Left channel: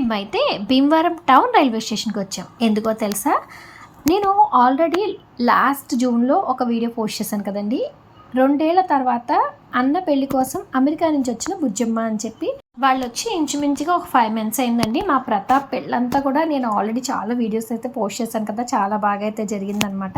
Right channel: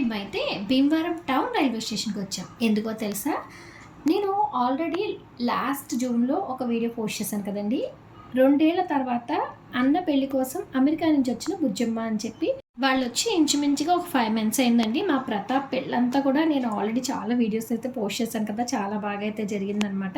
మేమైతే Bhimavaram town railway స్టేషన్కి వచ్చాం. ఎందుకో తెలుసా? నేను ఆల్రెడీ లాస్ట్ జూన్లో ఒక వీడియో పోస్ట్ చేశాను కదండి. రెండేళ్ళ తర్వాత అన్న పెళ్ళి కోసం అమెరికా నుంచి వచ్చిన బుజ్జమ్మ అని చెప్పి వాళ్ళు వచ్చి ఇంచుమించుగా ఒక ఫైవ్ మంత్స్ అయిందండి. మా ప్రతాప్ పెళ్ళంతా కూడా నేను ఆల్రెడీ చాలా వీడియోస్ అయితే పోస్ట్ చేశాను కదా చాలా బాగా అయితే జరిగిందనమాట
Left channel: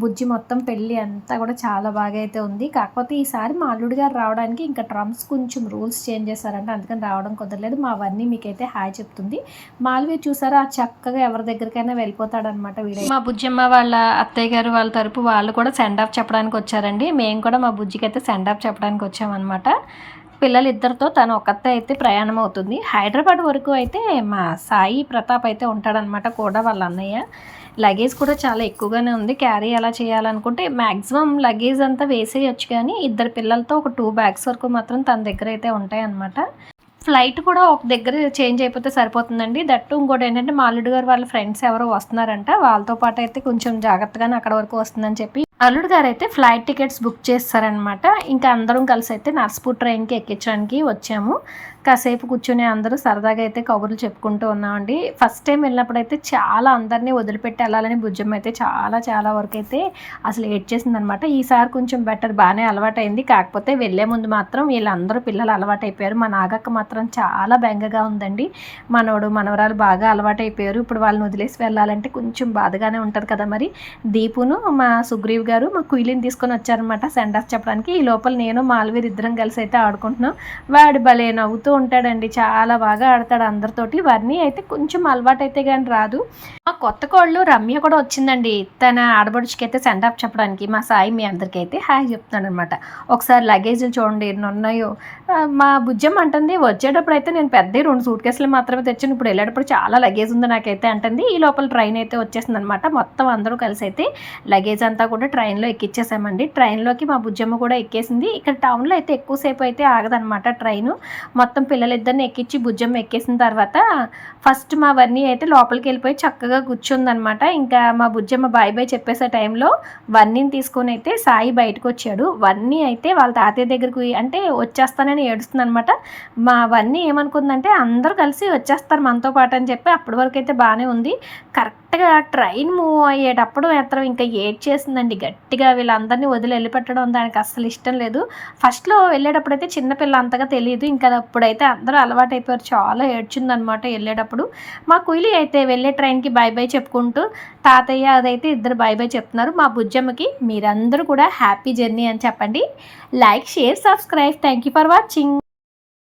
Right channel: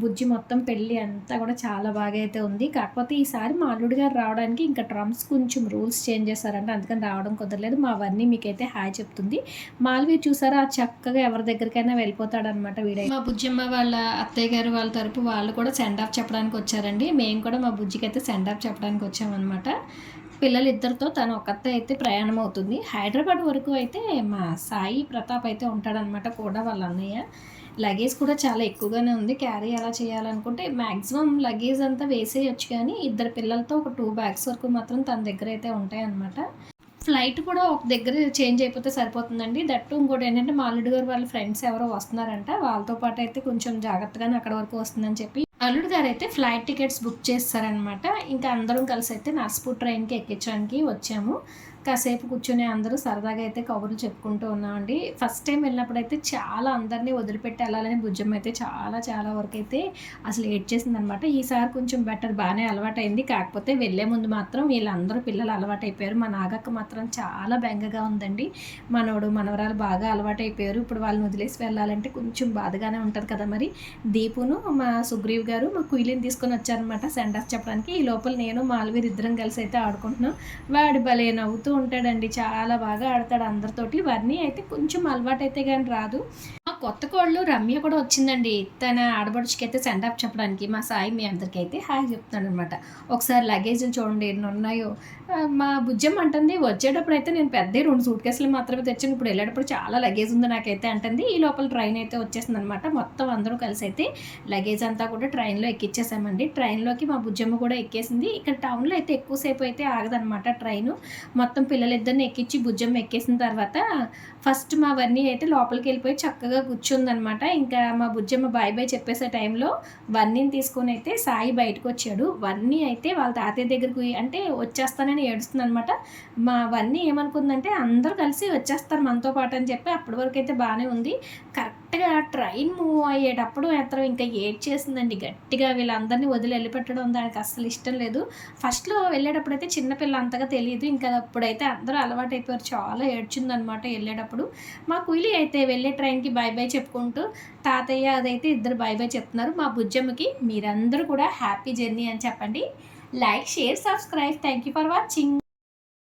బుజ్జి మొత్తం పెళ్ళి అంతా కూడా చాలా బాగా అయితే ఉంది. కాకపోతే ఈసారి మా అల్లుడు గారు రావడానికి ఇంకా ట్రమ్స్ కొంచెం రూల్స్ చేంజ్ చేశారంటే అందుకని రావడం కుదరలేదు. మా అవన్నీ మీకైతే హాయ్ చెప్తుంది. మాల్వీ చూసారా? చక్కగా ఎవరి దగ్గరికైనా వెళ్ళిపోతాడనమాట వీడియో మా బుజ్జమ్మ వాళ్ళ అత్తయ్య గారు వాళ్ళ తరపు వాళ్ళు కూడా సెండ్ ఆఫ్ చెప్పడానికి వచ్చారండి. మేము కూడా మా బుజ్జికి అయితే సెండ్ ఆఫ్ చెప్పడానికి వచ్చామన్నమాట. పిల్లలిద్దరితో తను ఒక్కతే అయితే ప్రయాణం అవుతుంది హైదరాబాద్ వరకు అయితే మా సాయి ప్రతాప్ అయితే ఉంటాడనమాట కూడా వాళ్ళ అన్నయ్య. లగేజ్ కూడా చాలా ఎక్కువగానే ఉంది. క్యారీ ఎలా చేయాలనుకుంటే మ్యాక్సిమం లగేజ్ అంతా వేసేయచ్చు కానీ ఇద్దరు పిల్లలతో ఒక టూ బ్యాగ్స్ వరకు మాత్రం తన దగ్గర అయితే ఉంటాయన్నమాట. ఫ్లైట్ కూడా ఒక దగ్గర చేంజ్ అయిపోతే సరిపోతుందండి. దట్టు ఇంకోటి ఏంటంటే మాలుడు గారు వాళ్ళ ఫ్రెండ్స్ ఎవరో వస్తున్నారంట. వాళ్ళతో పాటు అయితే కొంచెం జాగ్రత్తగానే అక్కడ వరకు వస్తుందని చెప్పి అల్లుడు గారు అయితే ఫ్లైట్ టికెట్స్ బుక్ చేస్తారనమాట ఇంకా అందరం కలిసి అయితే నర్సపూర్ ట్రైన్కి ఎక్కించడానికి వచ్చాము. కాసేపు కూర్చొని అందరూ సరదాగా అయితే కబుర్లు చెప్పుకుంటూ ఉన్నామండి. ఫస్ట్ టైం వెళ్ళినప్పుడు అయితే చాలా అందరినీ వదిలిపెట్టి వెళ్ళాలని భుజం అయితే చాలా చాలా వరకు అయితే అసలు ఏడ్ చేసిందనమాట ఈసారి కొంచెం బెటర్ బాగానే అలవాటైంది. కాకపోతే వెళ్ళే ముందు మాత్రం వీళ్ళందరూ పిల్లలు అలవాటైపోయారు. మా నాగక్క మాత్రం చాలా బెంగగా ఉందండి. మనోడు మనవరాలు బాగా అలవాటైపోయారు. ఇప్పుడు వాళ్ళని వదిలేసి వెళ్ళాలంటే కొంచెం బాధగానే ఉంటుంది కదా మరి. దీపును మా సుగ్రీవ్ గారు మా కుయిలిని తీసుకొని వచ్చారనమాట సెండ్ ఆఫ్ చెప్పడానికి. ఈ లోపల నేను మాల్వీర్ ఇద్దరం కలిసి అయితే ఆడుకుంటున్నాం. వాడు భలే నవ్వుతూ ఉంటాడండి. చాలా బాగా ఆడతాడు అందరితోటి. వారిని అయితే కొంచెం అలవాటు అయితే కానీ రాదు. మా కొత్త కోళ్ళు రమ్య కూడా వచ్చిందండి. తన ఆడబడుచుకి అయితే సెండ్ ఆఫ్ చెప్పడానికి మా సాయి మీ అందరికీ అయితే హాయ్ చెప్తున్నాడు అనమాట ఒకసారి లగేజ్లు చూడండి ఎన్ని ఉన్నాయో. మా బుజ్జం అంటుంది వచ్చేటప్పుడు అయితే నేను పెద్ద రెండు సూట్ కేసులు మాత్రమే తెచ్చాను. ఇప్పుడు వెళ్ళేటప్పుడు చాలా లగేజ్ ఉంది నాకైతే అంటుంది. ఈ లోపల ట్రైన్ అయితే వచ్చేసింది అనమాట మొత్తం అందరూ కలిసి అయితే లగేజ్ అంతా కూడా ట్రైన్లో ఎక్కిచ్చేసామండి. ట్రైన్లోకి మా బుజ్జమ్మ కూడా ఎక్కేసింది. ఇక్కడ టౌన్లో అయితే ఎక్కువసేపు అయితే ఆగదనమాట ట్రైన్. మొత్తం పిల్లలిద్దరిని ఎక్కించి బుజ్జమ్మ ఎక్కేసిన తర్వాత ఫస్ట్ మా వన్నీ అయితే లోపలికి వెళ్ళిపోయి చక్కగా కూర్చుందనమాట ఇంకా మా బుజ్జమ్మ బాయ్ బాయ్ చెప్పేసే టైంలో వన్నీని తీసుకొని అయితే సాయి బయటకు వచ్చాడు. వన్నీ అయితే వాళ్ళ తాతయ్య దగ్గరికి అంటే వచ్చేస్తానని ఏడుస్తుంది అనమాట మా వన్నీ ఏమనుకుందంటే అందరూ కలిసి వచ్చేస్తారు మనతో పాటు అని చెప్పి అప్పటి వరకు అయితే బాగానే ఉంది. కరెక్ట్గా ట్రైన్ మూవ్ అయ్యేటప్పుడు మాత్రం ఇంకా ఏడ్ చేసిందండి గట్టిగా వీళ్ళందరినీ వదిలి వెళ్ళిపెట్టడం దానికి అస్సలు ఇష్టం లేదు. ఫస్ట్లో వెళ్ళేటప్పుడు అయితే చిన్నపిల్ల అంతగా తెలియదు. ఇంకా అప్పుడైతే అందరూ అలవాటు అయిపోయారు చాలా ఏడ్చిందనమాట వెళ్ళేటప్పుడు. మా కుయిలి అయితే వెళ్ళే ట్రైన్కి బై బై చెప్పుకుంటూ తాతయ్య అదైతే ఇద్దరు బై బై చెప్తున్నారు. మా బుజ్జమ్మకి మీరందరూ కూడా హ్యాపీ జర్నీ అని చెప్పండి. Like share subscribe. Thank you for watching.